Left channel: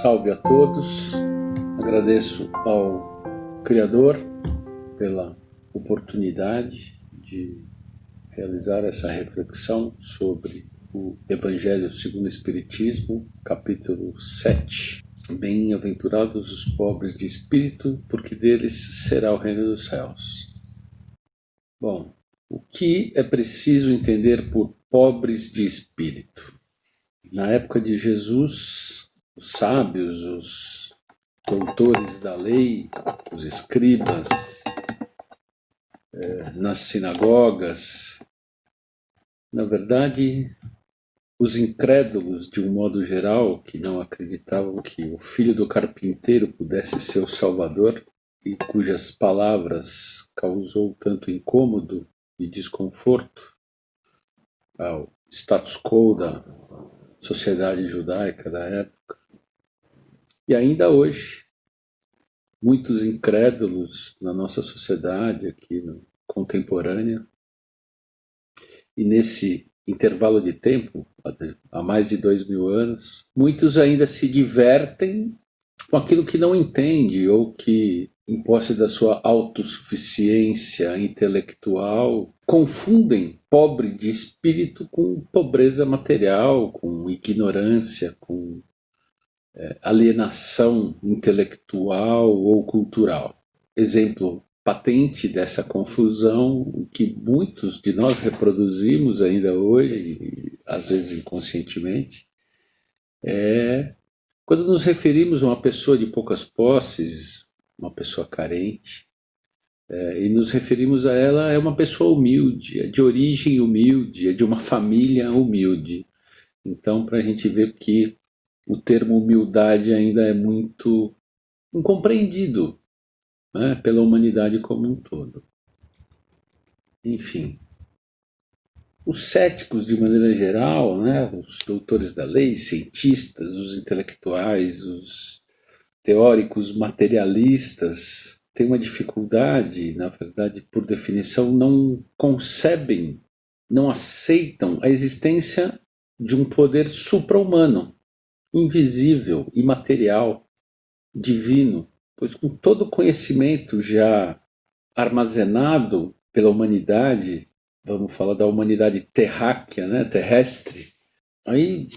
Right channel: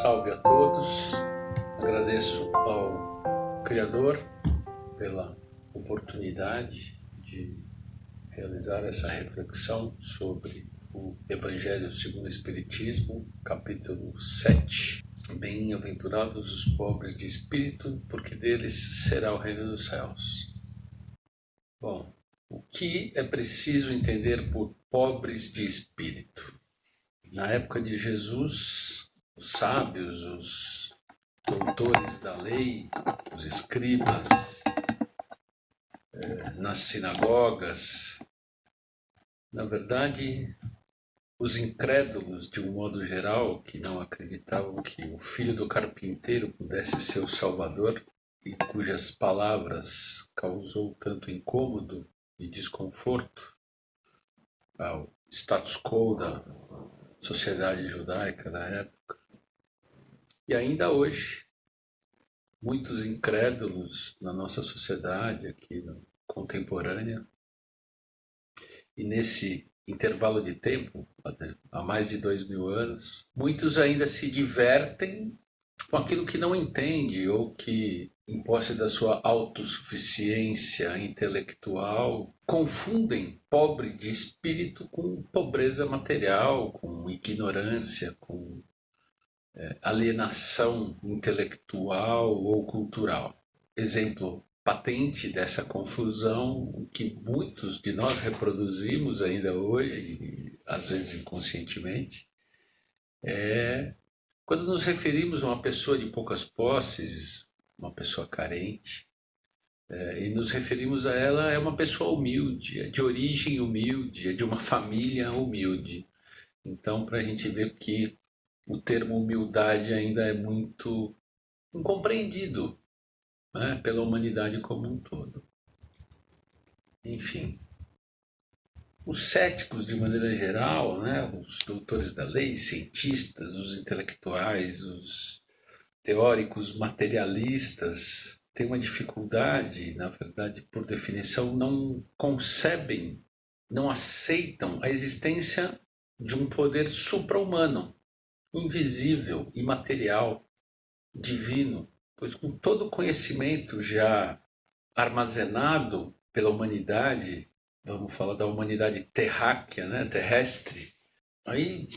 Salve a todos, agradeço ao Criador pela oportunidade de realizar essa reflexão sobre o Evangelho segundo o Espiritismo, capítulo 7. Bem-aventurados os pobres de espírito, porque deles será o reino dos céus. Bom, o que é preciso entender por pobres de espírito? Na época de Jesus, os sábios, os doutores da lei, os escribas, nas sinagogas, na verdade, os incrédulos, de um modo geral, que não acreditavam que o filho do carpinteiro pudesse ser o Salvador e cujas palavras causou tanto incômodo e desconforto ao status quo da sociedade judaica da época. E ainda hoje, muitos incrédulos na nossa sociedade aqui contemporânea, e nesse intervalo de tempo, há mais de 2000 anos, muitos ainda se divertem com aquilo que não entende ou que, em posse da sua autossuficiência intelectual, confundem pobre de espírito com pobreza material, com ignorância, com alienação intelectual ou cultural. Exemplo patente dessa confusão que muitos de nós reproduzimos ainda hoje, às vezes inconscientemente, é quando nos referimos a uma pessoa de poucas posses, uma pessoa carente, e nos referimos a ela, é uma pessoa humilde, é de origem humilde, é de uma família humilde. Então, para a gente ver que o termo humildade ainda é muito incompreendido, né, pela humanidade como um todo. Enfim, os céticos, de maneira geral, né, os doutores da lei, cientistas, os intelectuais, os teóricos materialistas, têm uma dificuldade, na verdade, por definição, não concebem, não aceitam a existência de um poder supra-humano, invisível, imaterial, divino, pois com todo o conhecimento já armazenado pela humanidade, vamos falar da humanidade terráquea, né, terrestre, aí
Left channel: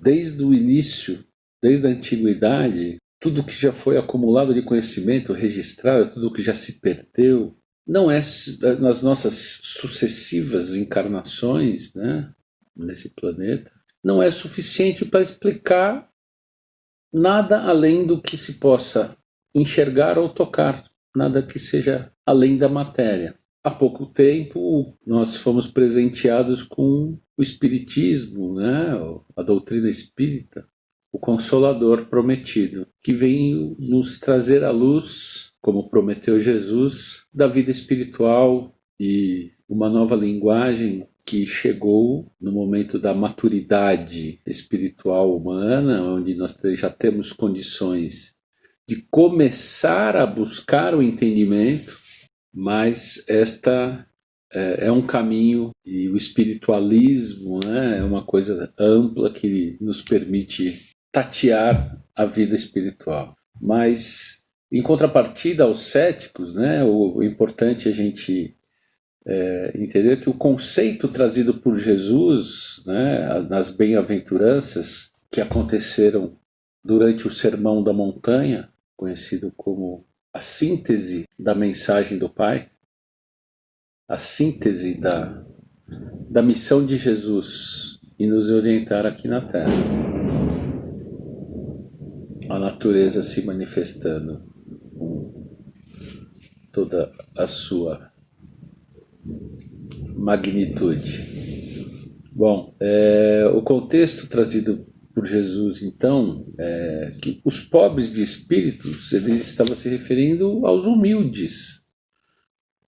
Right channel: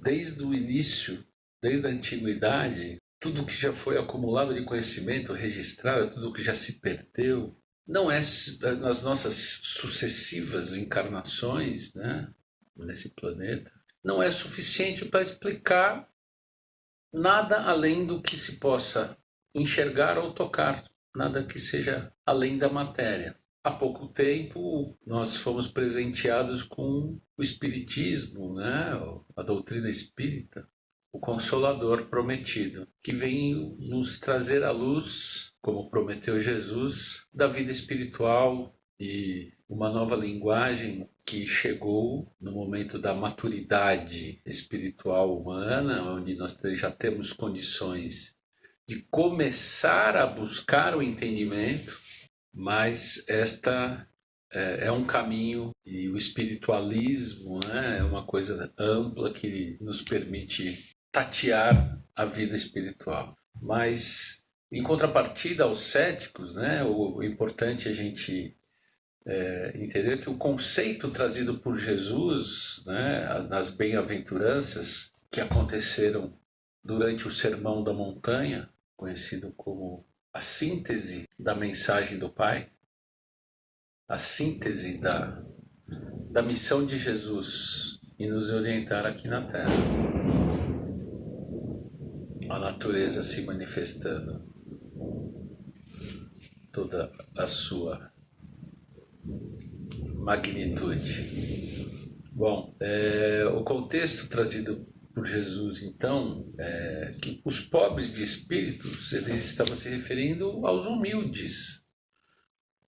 desde o início, desde a antiguidade, tudo que já foi acumulado de conhecimento registrado, tudo que já se perdeu, não é nas nossas sucessivas encarnações, né, nesse planeta, não é suficiente para explicar nada além do que se possa enxergar ou tocar, nada que seja além da matéria. Há pouco tempo nós fomos presenteados com o Espiritismo, né? A doutrina espírita, o Consolador prometido, que vem nos trazer a luz, como prometeu Jesus, da vida espiritual e uma nova linguagem que chegou no momento da maturidade espiritual humana, onde nós já temos condições de começar a buscar o entendimento, mas esta é um caminho, e o espiritualismo, né, é uma coisa ampla que nos permite tatear a vida espiritual. Mas, em contrapartida aos céticos, né, o importante é a gente entender que o conceito trazido por Jesus, né, nas bem-aventuranças que aconteceram durante o Sermão da Montanha, conhecido como a síntese da mensagem do Pai, a síntese da missão de Jesus e nos orientar aqui na Terra. A natureza se manifestando com toda a sua magnitude. Bom, o contexto trazido por Jesus, então, é que os pobres de espíritos, ele estava se referindo aos humildes,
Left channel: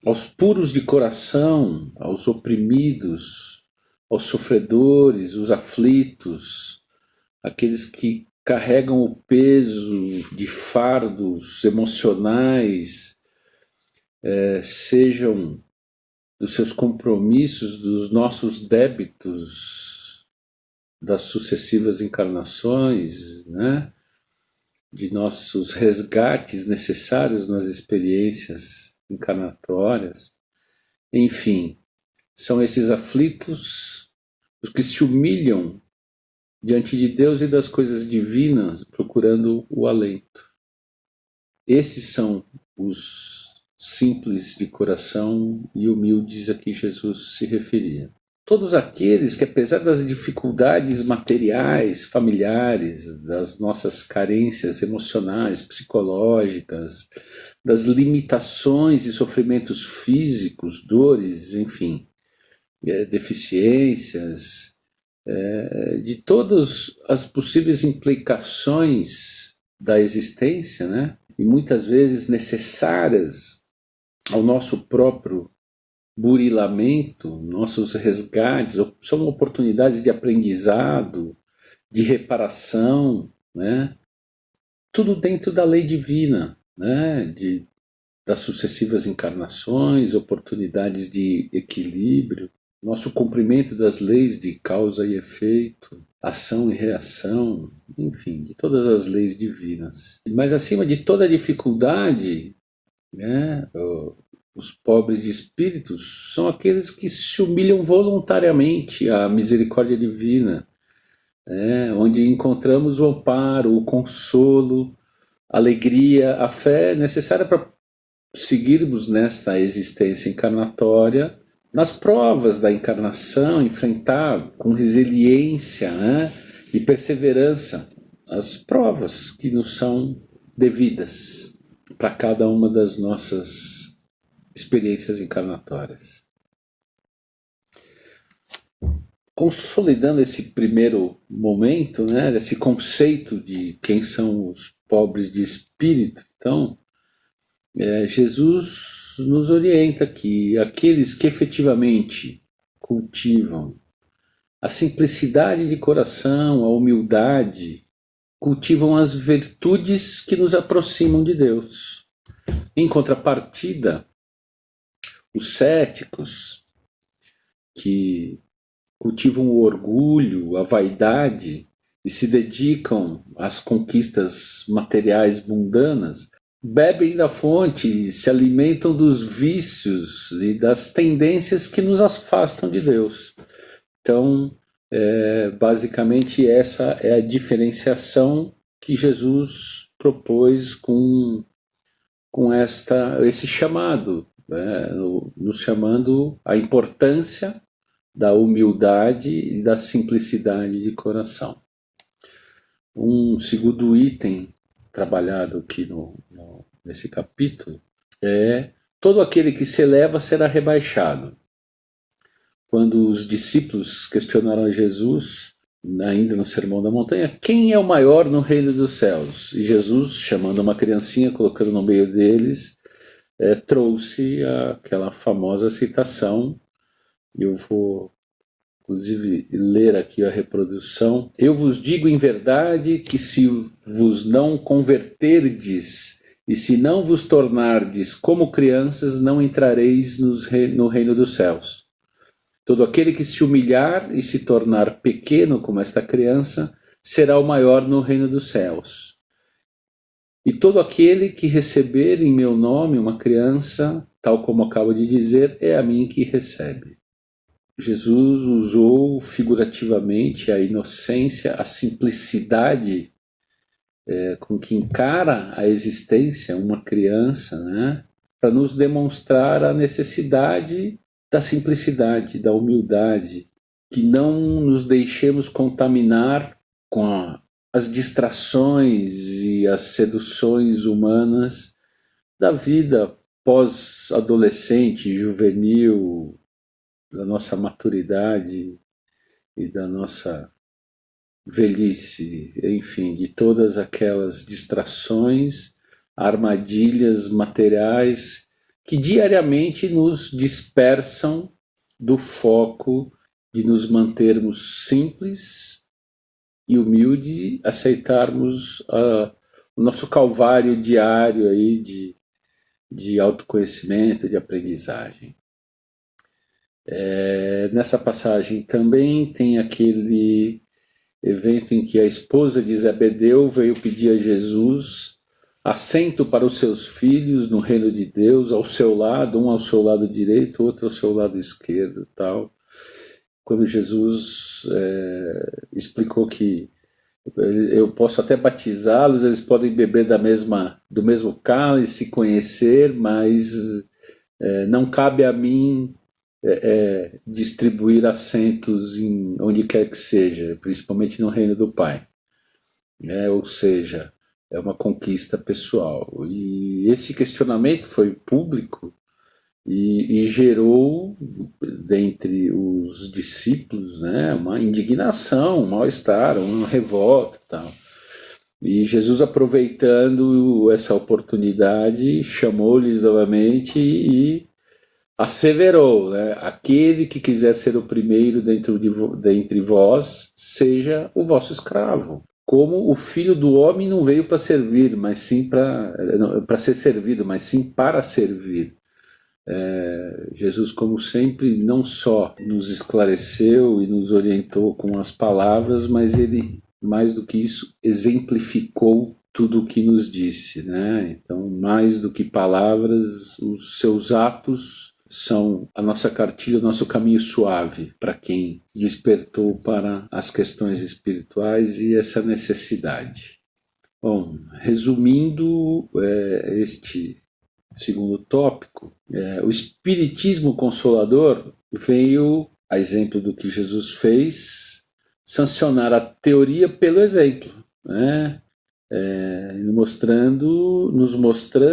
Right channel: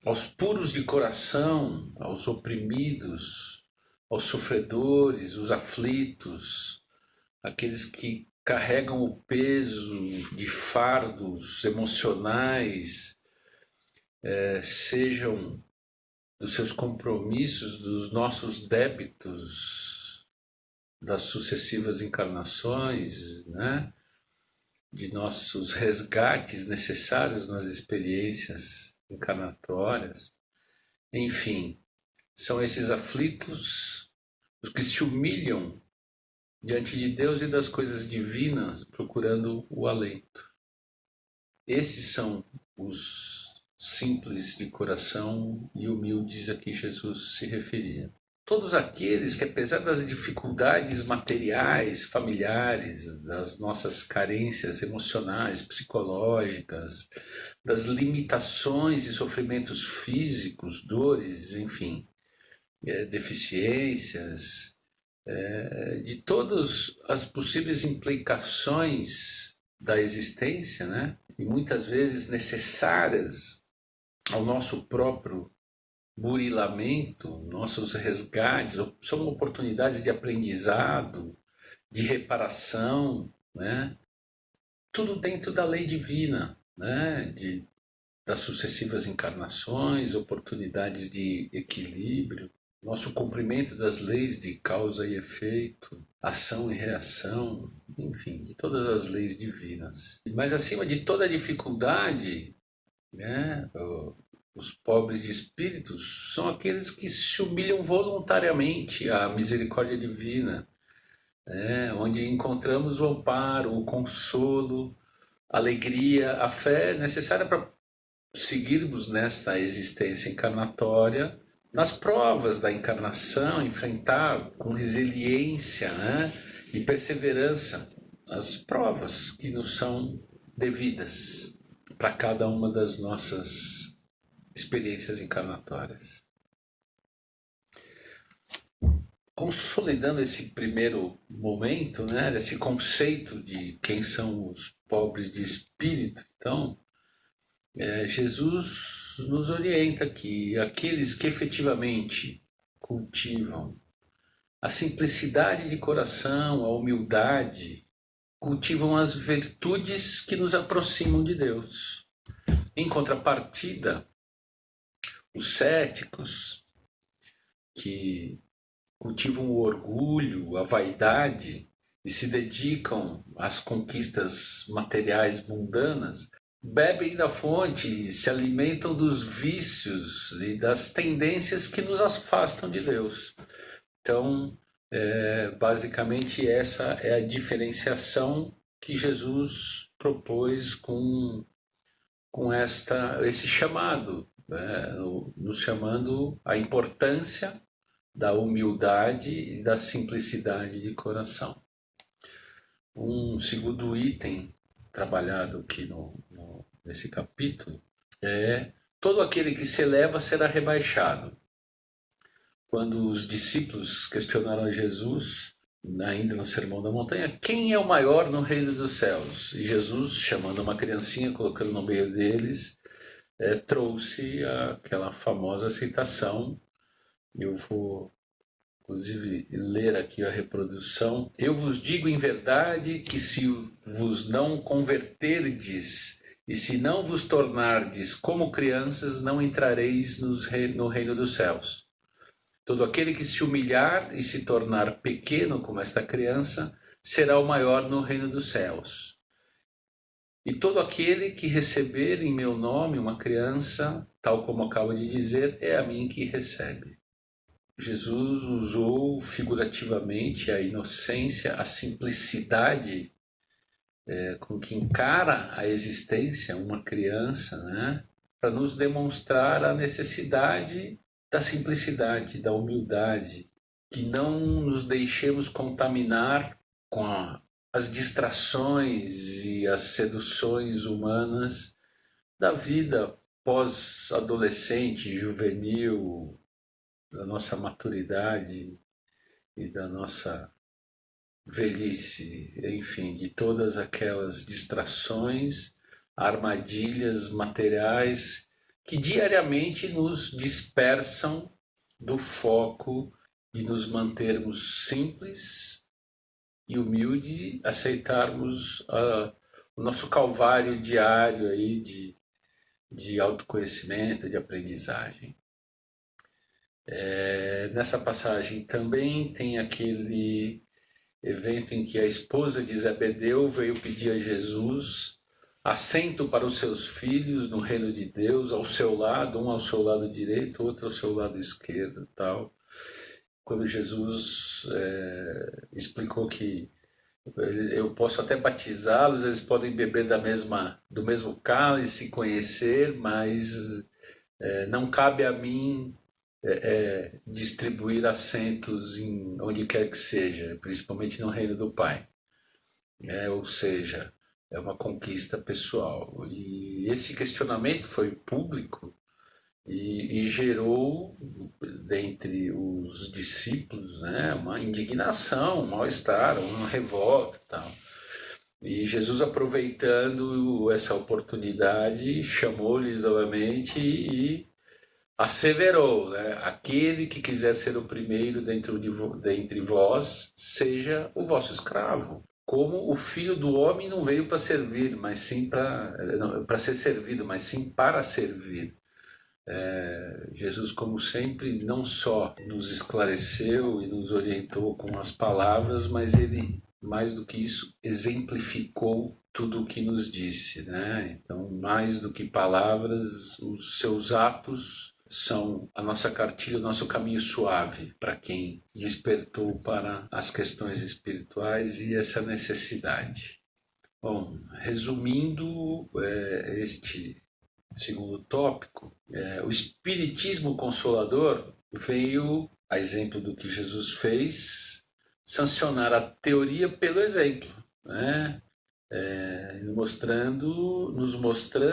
aos puros de coração, aos oprimidos, aos sofredores, os aflitos, aqueles que carregam o peso de fardos emocionais, sejam dos seus compromissos, dos nossos débitos das sucessivas encarnações, né? de nossos resgates necessários nas experiências encarnatórias. Enfim, são esses aflitos os que se humilham diante de Deus e das coisas divinas, procurando o alento. Esses são os simples de coração e humildes a que Jesus se referia. Todos aqueles que, apesar das dificuldades materiais, familiares, das nossas carências emocionais, psicológicas, das limitações e sofrimentos físicos, dores, enfim, deficiências, de todas as possíveis implicações da existência, né? E muitas vezes necessárias ao nosso próprio burilamento, nossos resgates, são oportunidades de aprendizado, de reparação, né? Tudo dentro da lei divina, né? Das sucessivas encarnações, oportunidades de equilíbrio, nosso cumprimento das leis de causa e efeito, ação e reação, enfim, de todas as leis divinas. Mas acima de toda dificuldade, né, os pobres de espíritos são aqueles que se humilham voluntariamente à misericórdia divina, onde encontramos o amparo, o consolo, a alegria, a fé necessária para seguirmos nesta existência encarnatória, nas provas da encarnação, enfrentar com resiliência, né, e perseverança as provas que nos são devidas para cada uma das nossas experiências encarnatórias. Consolidando esse primeiro momento, né, esse conceito de quem são os pobres de espírito, então, Jesus nos orienta que aqueles que efetivamente cultivam a simplicidade de coração, a humildade, cultivam as virtudes que nos aproximam de Deus. Em contrapartida, os céticos, que cultivam o orgulho, a vaidade e se dedicam às conquistas materiais mundanas, bebem da fonte e se alimentam dos vícios e das tendências que nos afastam de Deus. Então, basicamente essa é a diferenciação que Jesus propôs com esse chamado, nos chamando a importância da humildade e da simplicidade de coração. Um segundo item trabalhado aqui nesse capítulo é: todo aquele que se eleva será rebaixado. Quando os discípulos questionaram a Jesus, ainda no Sermão da Montanha, quem é o maior no reino dos céus? E Jesus, chamando uma criancinha, colocando no meio deles, trouxe aquela famosa citação. Eu vou, inclusive, ler aqui a reprodução. Eu vos digo em verdade que se vos não converterdes e se não vos tornardes como crianças, não entrareis no reino dos céus. Todo aquele que se humilhar e se tornar pequeno como esta criança, será o maior no reino dos céus. E todo aquele que receber em meu nome uma criança, tal como acabo de dizer, é a mim que recebe. Jesus usou figurativamente a inocência, a simplicidade com que encara a existência uma criança, né, para nos demonstrar a necessidade da simplicidade, da humildade, que não nos deixemos contaminar com as distrações e as seduções humanas da vida pós-adolescente, juvenil, da nossa maturidade e da nossa velhice, enfim, de todas aquelas distrações, armadilhas materiais que diariamente nos dispersam do foco de nos mantermos simples e humildes, aceitarmos o nosso calvário diário aí de autoconhecimento, de aprendizagem. Nessa passagem também tem aquele evento em que a esposa de Zebedeu veio pedir a Jesus assento para os seus filhos no reino de Deus, ao seu lado, um ao seu lado direito, outro ao seu lado esquerdo, tal. Quando Jesus explicou que eu posso até batizá-los, eles podem beber do mesmo cálice, conhecer, mas não cabe a mim distribuir assentos em onde quer que seja, principalmente no reino do Pai. Ou seja, é uma conquista pessoal. E esse questionamento foi público e gerou, dentre os discípulos, uma indignação, um mal-estar, uma revolta e tal. E Jesus, aproveitando essa oportunidade, chamou-lhes novamente e asseverou, aquele que quiser ser o primeiro dentre vós, seja o vosso escravo. Como o Filho do Homem não veio para servir, mas sim para ser servido, mas sim para servir. Jesus, como sempre, não só nos esclareceu e nos orientou com as palavras, mas ele, mais do que isso, exemplificou tudo o que nos disse, Então, mais do que palavras, os seus atos são a nossa cartilha, o nosso caminho suave para quem despertou para as questões espirituais e essa necessidade. Bom, resumindo este segundo tópico, o Espiritismo Consolador veio, a exemplo do que Jesus fez, sancionar a teoria pelo exemplo, nos mostrando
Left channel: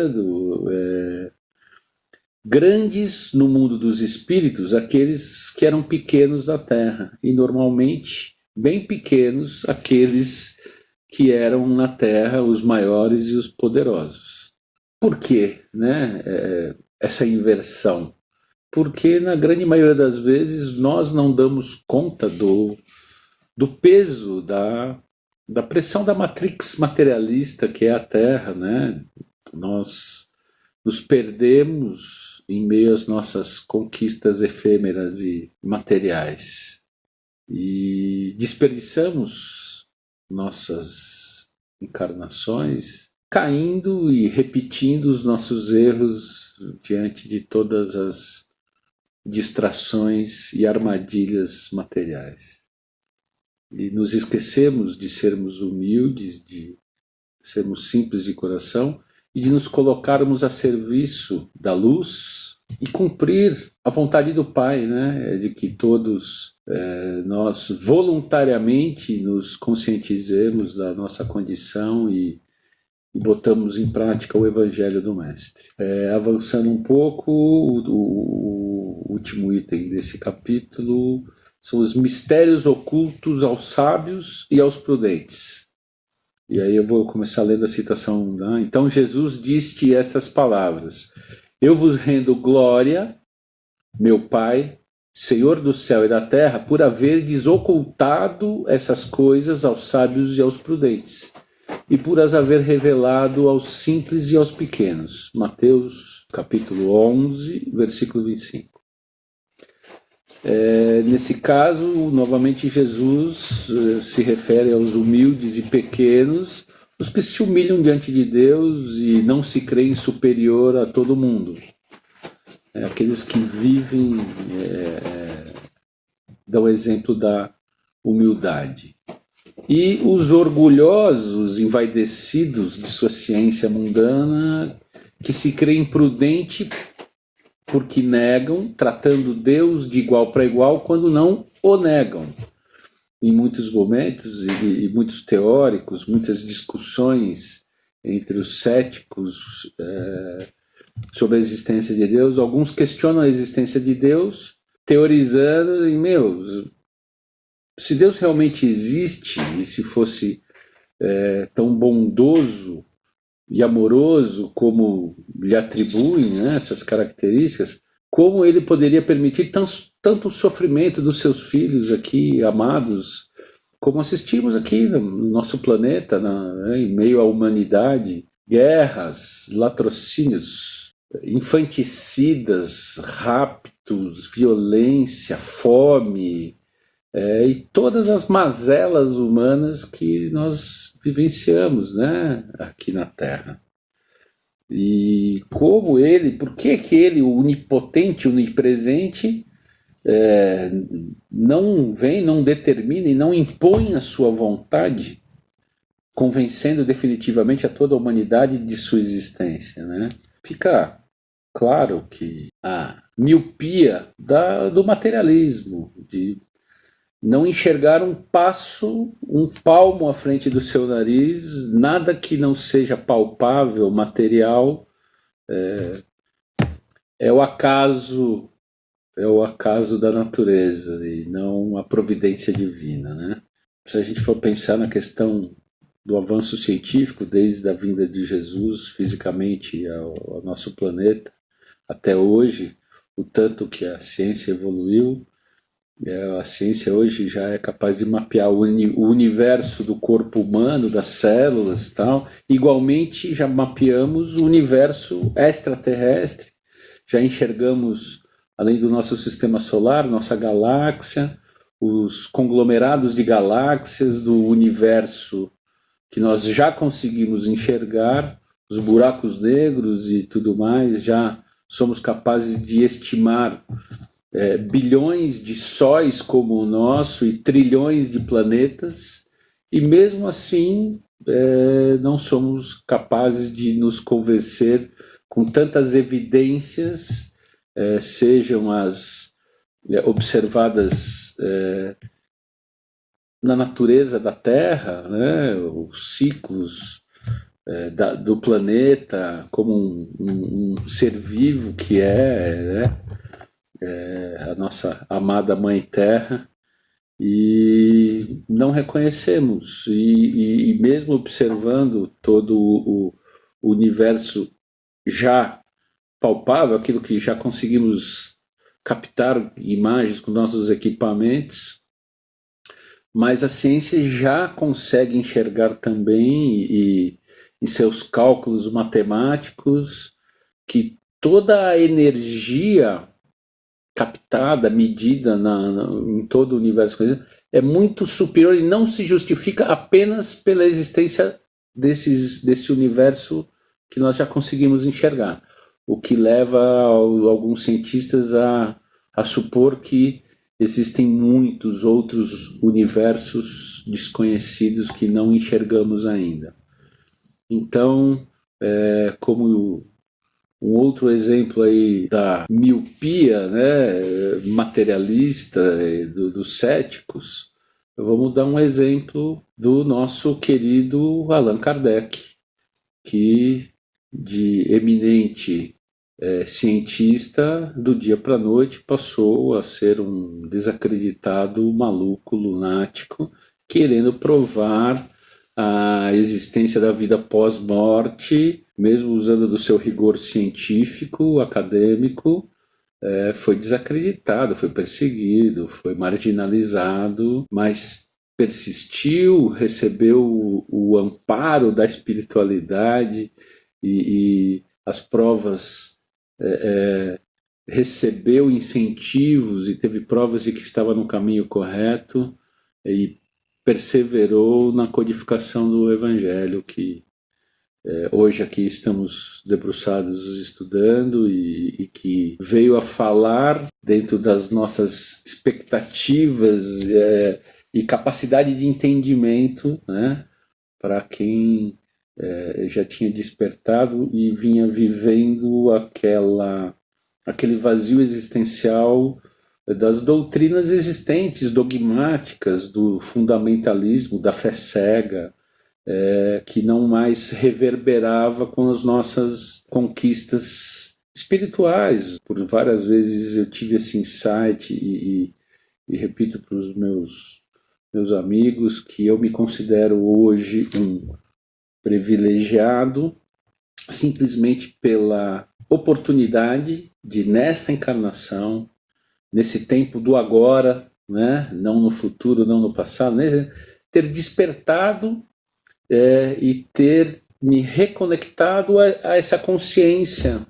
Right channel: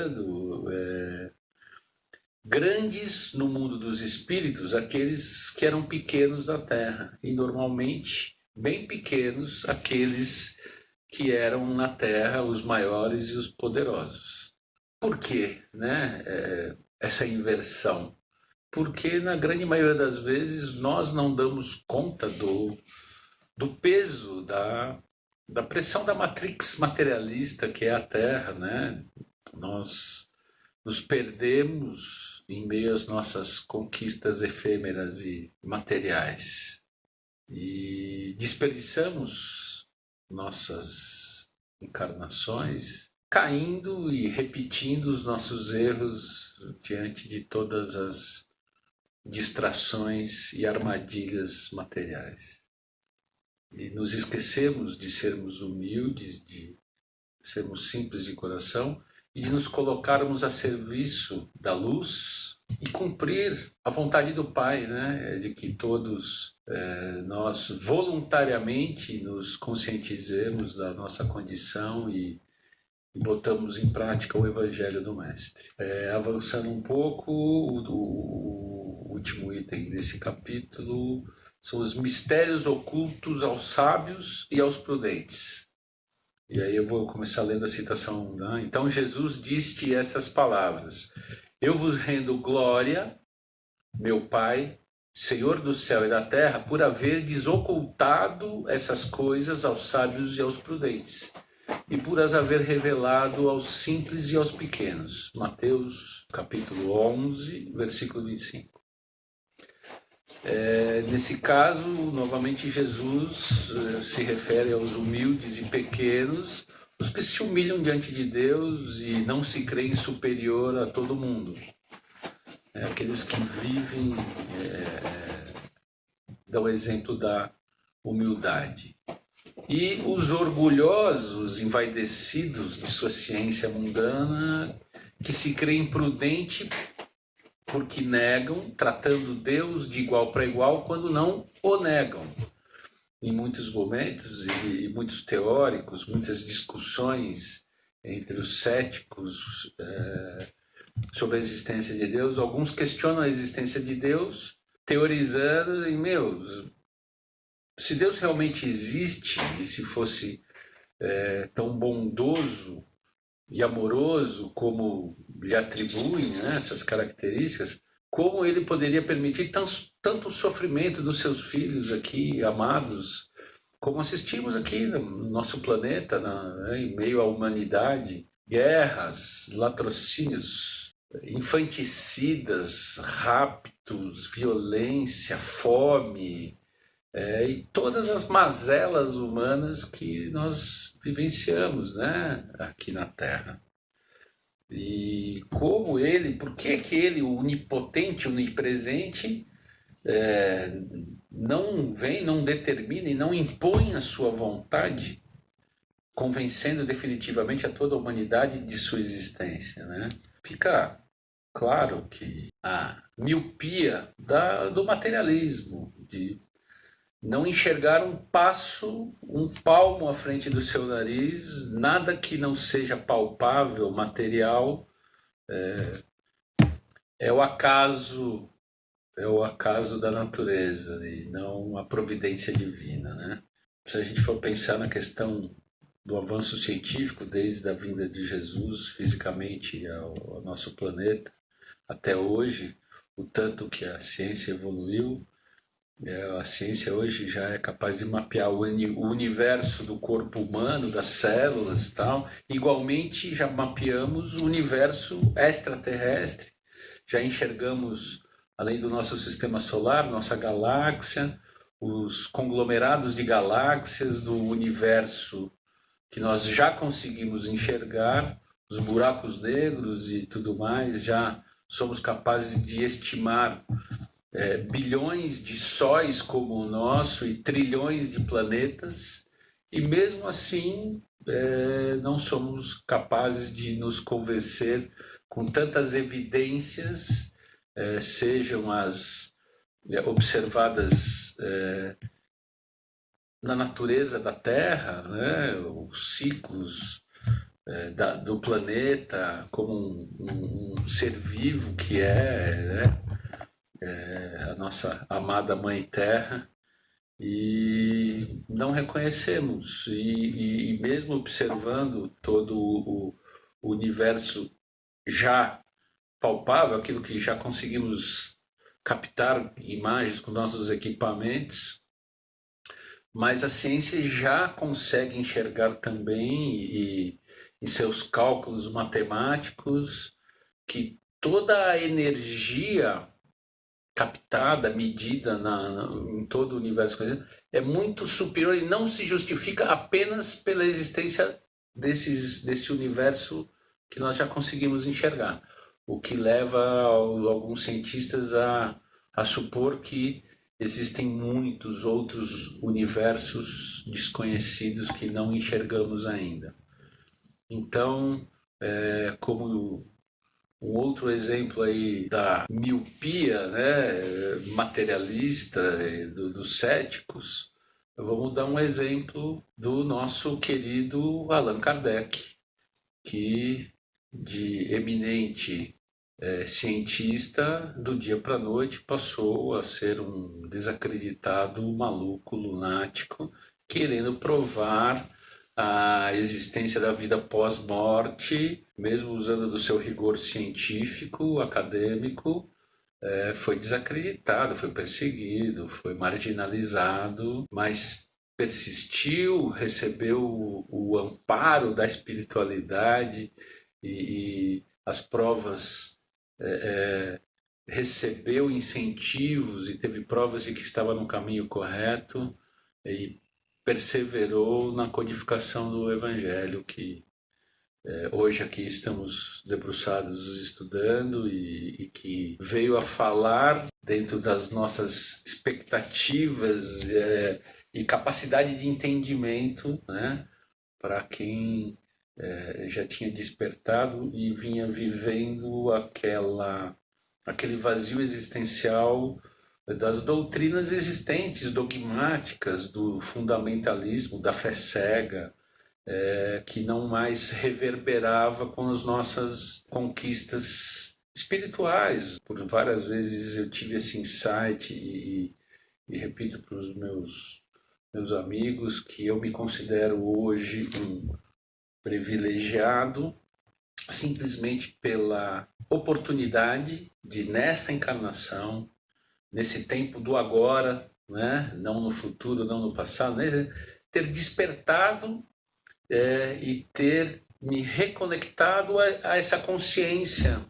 grandes no mundo dos espíritos aqueles que eram pequenos da Terra, e normalmente bem pequenos aqueles que eram na Terra os maiores e os poderosos. Por quê, essa inversão? Porque na grande maioria das vezes nós não damos conta do peso da pressão da matrix materialista que é a Terra, Nós nos perdemos em meio às nossas conquistas efêmeras e materiais e desperdiçamos nossas encarnações caindo e repetindo os nossos erros diante de todas as distrações e armadilhas materiais. E nos esquecemos de sermos humildes, de sermos simples de coração e de nos colocarmos a serviço da luz e cumprir a vontade do Pai, de que todos nós voluntariamente nos conscientizemos da nossa condição e botamos em prática o Evangelho do Mestre. Avançando um pouco, o último item desse capítulo são os mistérios ocultos aos sábios e aos prudentes. E aí eu vou começar lendo a citação. Então Jesus disse estas palavras: Eu vos rendo glória, meu Pai, Senhor do céu e da terra, por haverdes ocultado essas coisas aos sábios e aos prudentes, e por as haver revelado aos simples e aos pequenos. Mateus capítulo 11, versículo 25. Nesse caso, novamente Jesus se refere aos humildes e pequenos, os que se humilham diante de Deus e não se creem superior a todo mundo. Aqueles que vivem, dão exemplo da humildade. E os orgulhosos, envaidecidos de sua ciência mundana, que se creem prudentes porque negam, tratando Deus de igual para igual, quando não o negam. Em muitos momentos, e muitos teóricos, muitas discussões entre os céticos sobre a existência de Deus, alguns questionam a existência de Deus, teorizando se Deus realmente existe, e se fosse tão bondoso e amoroso como lhe atribuem essas características, como ele poderia permitir tanto sofrimento dos seus filhos aqui, amados, como assistimos aqui no nosso planeta, em meio à humanidade, guerras, latrocínios, infanticidas, raptos, violência, fome, e todas as mazelas humanas que nós vivenciamos, né, aqui na Terra. E como ele, por que que ele, o onipotente, onipresente, é, não vem, não determina e não impõe a sua vontade, convencendo definitivamente a toda a humanidade de sua existência, né? Fica claro que a miopia do materialismo, de não enxergar um passo, um palmo à frente do seu nariz, nada que não seja palpável, material, é o acaso, é o acaso da natureza e não a providência divina, né? Se a gente for pensar na questão do avanço científico, desde a vinda de Jesus fisicamente ao nosso planeta até hoje, o tanto que a ciência evoluiu, a ciência hoje já é capaz de mapear o universo do corpo humano, das células e tal. Igualmente, já mapeamos o universo extraterrestre, já enxergamos, além do nosso sistema solar, nossa galáxia, os conglomerados de galáxias do universo que nós já conseguimos enxergar, os buracos negros e tudo mais, já somos capazes de estimar bilhões de sóis como o nosso e trilhões de planetas, e mesmo assim não somos capazes de nos convencer com tantas evidências, sejam as observadas na natureza da Terra, né, os ciclos do planeta como um ser vivo que né, a nossa amada Mãe Terra, e não reconhecemos. E mesmo observando todo o universo já palpável, aquilo que já conseguimos captar imagens com nossos equipamentos, mas a ciência já consegue enxergar também, em seus cálculos matemáticos, que toda a energia captada, medida em todo o universo, é muito superior e não se justifica apenas pela existência desse universo que nós já conseguimos enxergar. O que leva alguns cientistas a supor que existem muitos outros universos desconhecidos que não enxergamos ainda. Então, como um outro exemplo aí da miopia, né, materialista dos céticos, vamos dar um exemplo do nosso querido Allan Kardec, que de eminente cientista, do dia para a noite passou a ser um desacreditado maluco lunático, querendo provar a existência da vida pós-morte, mesmo usando do seu rigor científico, acadêmico, foi desacreditado, foi perseguido, foi marginalizado, mas persistiu, recebeu o amparo da espiritualidade e as provas, recebeu incentivos e teve provas de que estava no caminho correto e perseverou na codificação do Evangelho, que hoje aqui estamos debruçados estudando e que veio a falar dentro das nossas expectativas e capacidade de entendimento, né, para quem já tinha despertado e vinha vivendo aquele vazio existencial das doutrinas existentes, dogmáticas, do fundamentalismo, da fé cega, que não mais reverberava com as nossas conquistas espirituais. Por várias vezes eu tive esse insight e repito para os meus amigos que eu me considero hoje um privilegiado simplesmente pela oportunidade de, nesta encarnação, nesse tempo do agora, né, não no futuro, não no passado, né, ter despertado e ter me reconectado a essa consciência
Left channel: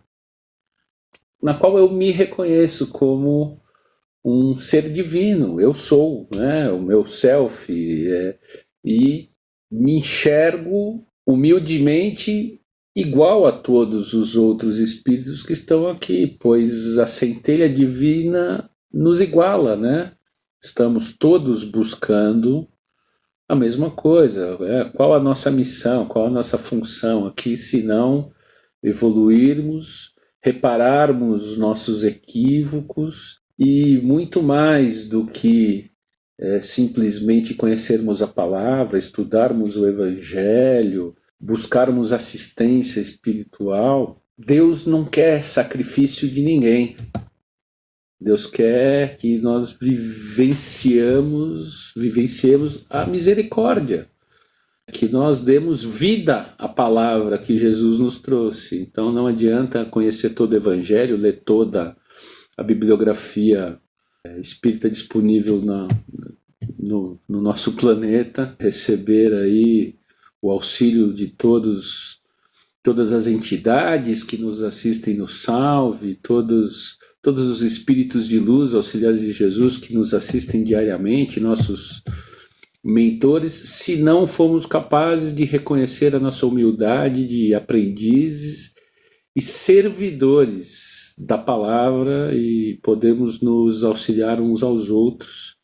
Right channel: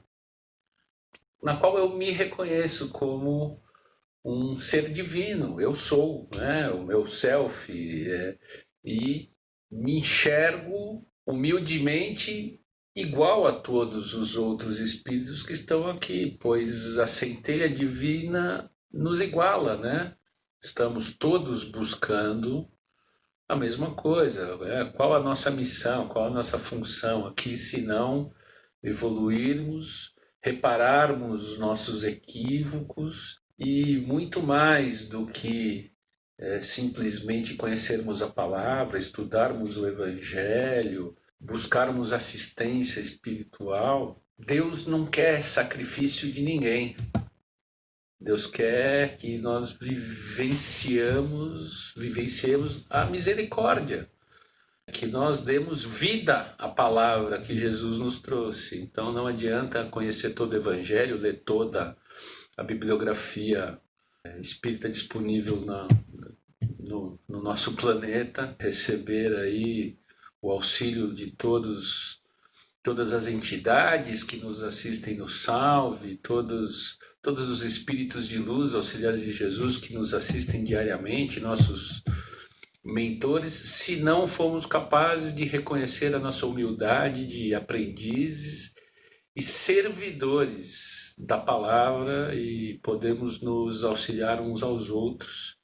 na qual eu me reconheço como um ser divino, eu sou, né, o meu self, e me enxergo humildemente igual a todos os outros espíritos que estão aqui, pois a centelha divina nos iguala, né? Estamos todos buscando a mesma coisa. Qual a nossa missão, qual a nossa função aqui, se não evoluirmos, repararmos os nossos equívocos e muito mais do que simplesmente conhecermos a palavra, estudarmos o Evangelho, buscarmos assistência espiritual. Deus não quer sacrifício de ninguém. Deus quer que nós vivenciemos a misericórdia, que nós demos vida à palavra que Jesus nos trouxe. Então não adianta conhecer todo o Evangelho, ler toda a bibliografia espírita disponível no nosso planeta, receber aí o auxílio de todas as entidades que nos assistem no Salve, todos os espíritos de luz, auxiliares de Jesus que nos assistem diariamente, nossos mentores, se não formos capazes de reconhecer a nossa humildade de aprendizes e servidores da palavra e podemos nos auxiliar uns aos outros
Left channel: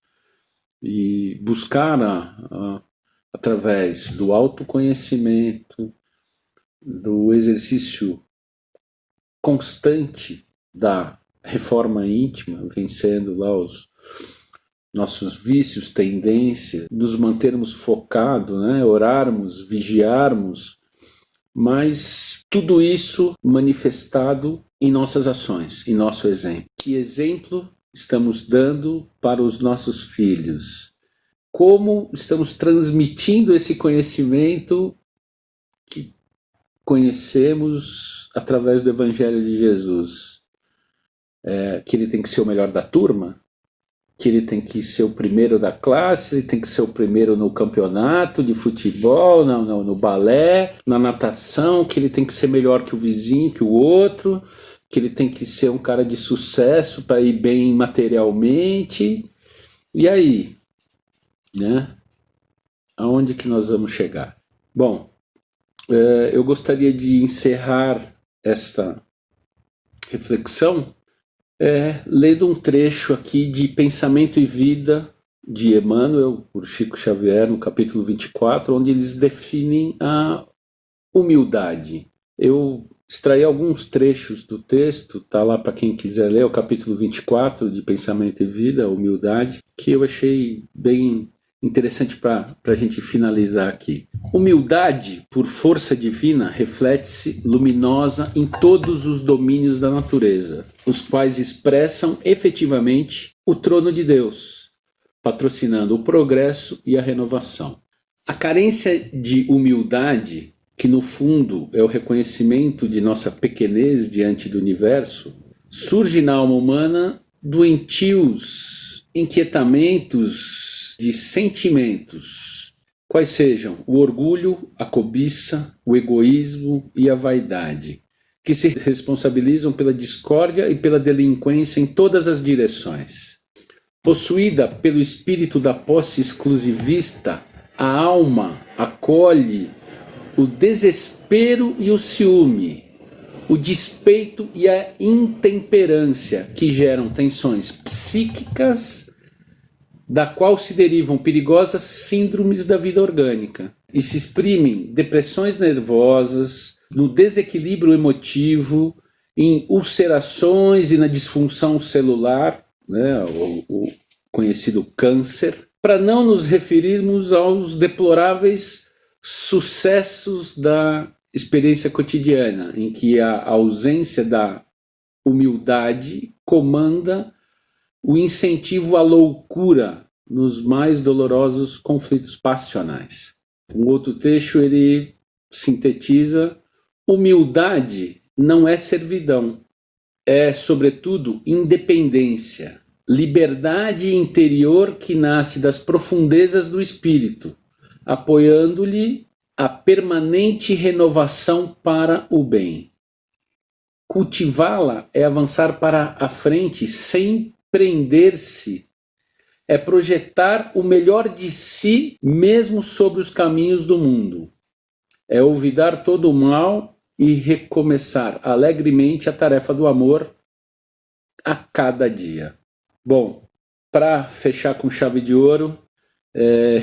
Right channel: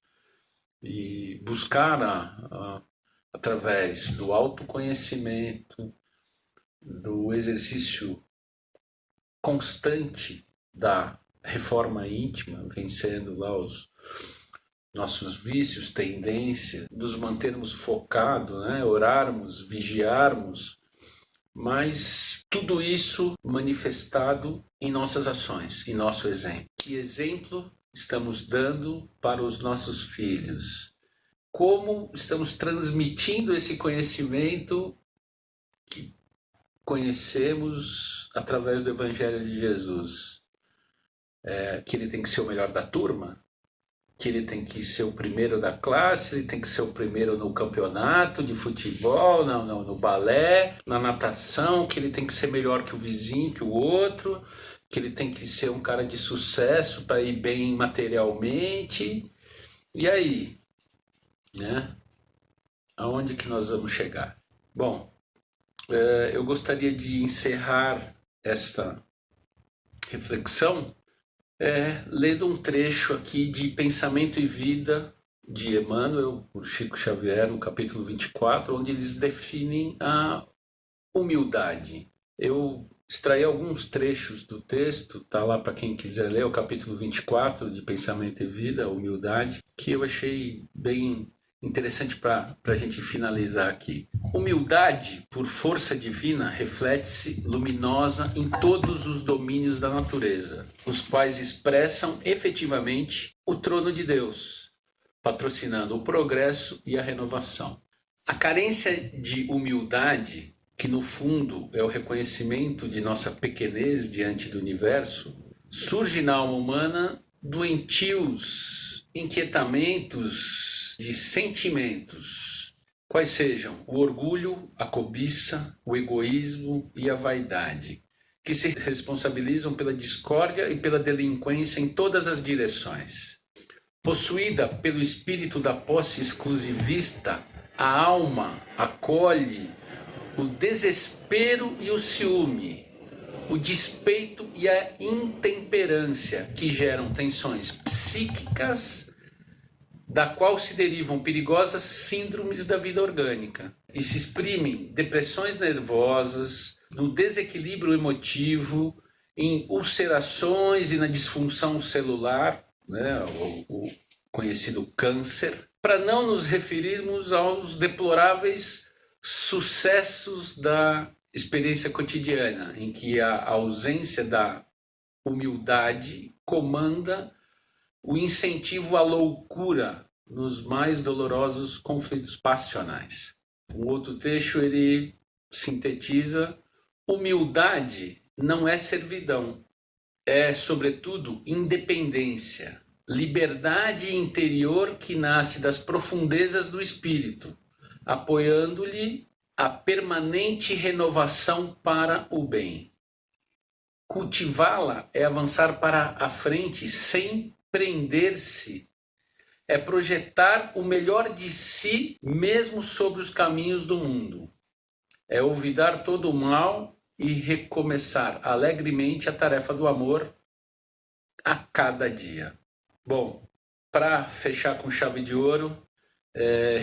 e buscar através do autoconhecimento, do exercício constante da reforma íntima, vencendo lá os nossos vícios, tendências, nos mantermos focados, né? Orarmos, vigiarmos, mas tudo isso manifestado em nossas ações, em nosso exemplo. Que exemplo estamos dando para os nossos filhos? Como estamos transmitindo esse conhecimento que conhecemos através do Evangelho de Jesus? Que ele tem que ser o melhor da turma? Que ele tem que ser o primeiro da classe, ele tem que ser o primeiro no campeonato de futebol, no balé, na natação, que ele tem que ser melhor que o vizinho, que o outro, que ele tem que ser um cara de sucesso para ir bem materialmente. E aí, né? Aonde que nós vamos chegar? Bom, eu gostaria de encerrar esta reflexão lendo um trecho aqui de Pensamento e Vida de Emmanuel, por Chico Xavier, no capítulo 24, onde eles definem a humildade. Eu extraí alguns trechos do texto, tá lá para quem quiser ler, o capítulo 24 de Pensamento e Vida, a humildade, que eu achei bem interessante para a gente finalizar aqui. Humildade, por força divina, reflete-se luminosa em todos os domínios da natureza, os quais expressam efetivamente o trono de Deus, patrocinando o progresso e a renovação. A carência de humildade, que no fundo é o reconhecimento de nossa pequenez diante do universo, surge na alma humana doentios inquietamentos de sentimentos, quais sejam o orgulho, a cobiça, o egoísmo e a vaidade, que se responsabilizam pela discórdia e pela delinquência em todas as direções. Possuída pelo espírito da posse exclusivista, a alma acolhe o desespero e o ciúme, o despeito e a intemperância, que geram tensões psíquicas, da qual se derivam perigosas síndromes da vida orgânica, e se exprimem depressões nervosas, no desequilíbrio emotivo, em ulcerações e na disfunção celular, né, o conhecido câncer, para não nos referirmos aos deploráveis sucessos da experiência cotidiana, em que a ausência da humildade comanda o incentivo à loucura nos mais dolorosos conflitos passionais. Um outro trecho ele sintetiza: humildade não é servidão, é, sobretudo, independência, liberdade interior que nasce das profundezas do espírito, apoiando-lhe a permanente renovação para o bem. Cultivá-la é avançar para a frente sem Empreender-se é projetar o melhor de si mesmo sobre os caminhos do mundo. É olvidar todo o mal e recomeçar alegremente a tarefa do amor a cada dia. Bom, para fechar com chave de ouro,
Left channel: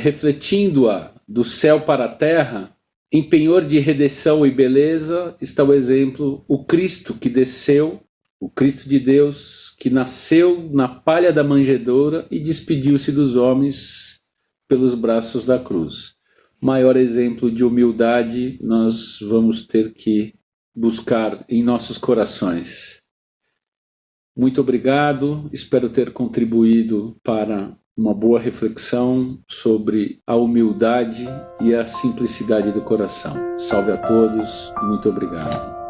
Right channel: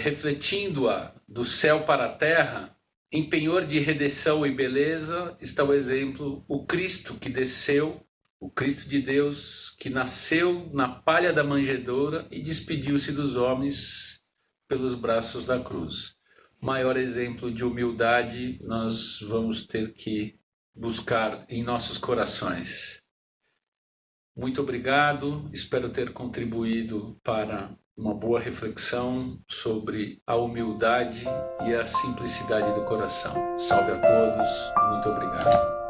refletindo-a do céu para a terra, em penhor de redenção e beleza, está o exemplo, o Cristo que desceu, o Cristo de Deus, que nasceu na palha da manjedoura e despediu-se dos homens pelos braços da cruz. Maior exemplo de humildade nós vamos ter que buscar em nossos corações. Muito obrigado, espero ter contribuído para uma boa reflexão sobre a humildade e a simplicidade do coração. Salve a todos e muito obrigado.